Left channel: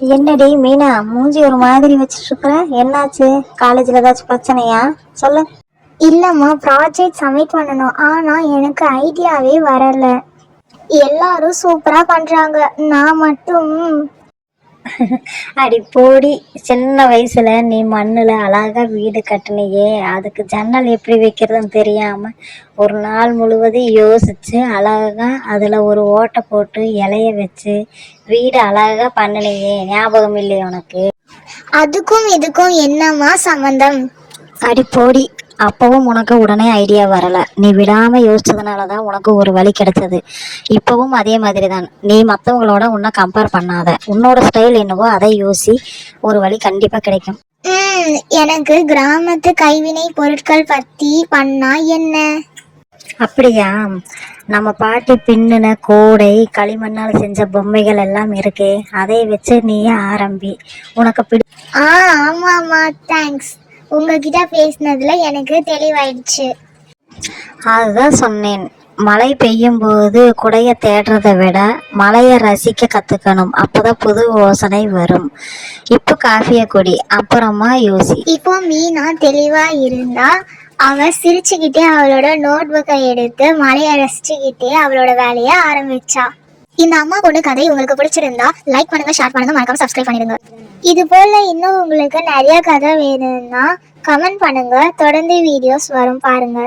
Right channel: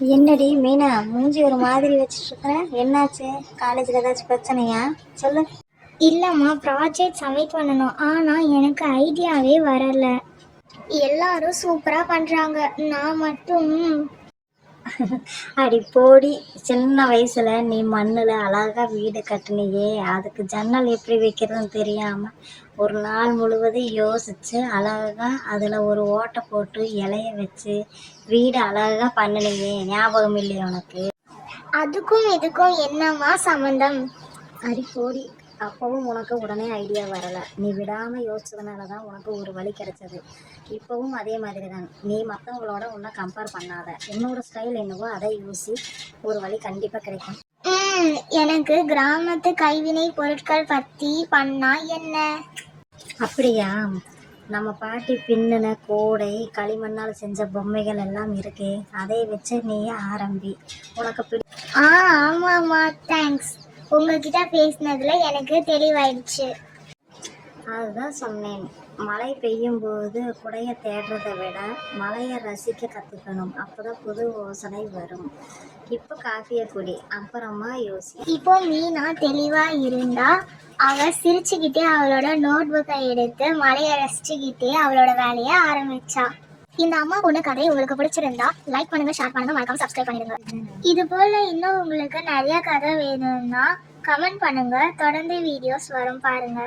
என்னடி மீனா, மூஞ்சி ஒரு மாதிரி வச்சிட்டு இருக்கிற? என்னாச்சு? காலேஜ்ல ஏதாச்சும் பிரச்சனையா? சொல்லு. இல்லம்மா, ப்ராஜெக்ட் சப்மிட் பண்ணணும். ஆனா எனக்கு ஐடியாவே வரல. எல்லாரும் சூப்பரா பண்றாங்க, நான் மட்டும். அடி போடி, சின்ன வயசுல நீ மண்ணுல அழகா வீடு கட்டுனியே, அதுக்கு ஜன்னல் எப்படி வைக்கிறதுன்னு தெரியாம ஒரு நாள் முழுவதும் யோசிச்சு அழகா அதுல ஒரு ஓட்டை போட்டு இலைய வச்சு வீடு அழகா பண்ணினியே, ஞாபகம் இல்லையா உனக்கு? அதுக்கும் இதுக்கும் என்னம்மா சம்பந்தம்? அடி போடி, அப்பவும் உனக்கு உடனே ஐடியா வரல. நீ விடாம யோசிச்சதுனாலதான் உனக்கு ஒரு வழி கிடைச்சது. இப்பவும் அதே மாதிரி தான். நீ மற்றவங்களோட உன்னை கம்பேர் பண்ணாத. உன்னோட ஸ்டைல் என்னவோ அதை யோசி. ஒரு வழி கண்டிப்பா கிடைக்கும். எனக்கு கிராமத்து கைவினை பொருட்கள் பத்தி பண்ணா என்ன? அப்படியா? நம்ம பாட்டி பின்னின கோடை, களிமண்ணால் செஞ்ச பொம்மைகள் எல்லாம் இருக்கே, அதை வச்சு நீயே ஆரம்பி. உனக்கு ஆமாம்மா, தேங்க்ஸ். உங்ககிட்ட பேசினதுல எனக்கு தெளிவாயிடுச்சு. அதுதான் சொன்னேன். மழை பெய்யும் போது குடைய தேடுறதை விட மழையை ரசிக்க கத்துக்கணும். அப்பதான் புது யோசனை வரும். இப்போ காஃபியை குடி, அப்புறமா யோசி. இப்போ மீனா தெளிவா இருந்தா. அவ சிரிச்சுக்கிட்டே அவளோட நோட் புக்கை எடுத்து மழைய ரசிச்சுக்கிட்டே அவளோட வேலைய ஆரம்பிச்சா. இந்த அம்மா பொண்ணு கதை உங்களுக்கு பிடிச்சிருந்தா லைக் பண்ணுங்க, ஷேர் பண்ணுங்க, மறக்காம சப்ஸ்கிரைப் பண்ணிடுங்க. இது போல இன்னும் உங்களுக்கு நிறைய கதை வேணும்னா கமெண்ட் பண்ணுங்க. தொடர்ந்து வீடியோஸ் வரும், பாருங்க.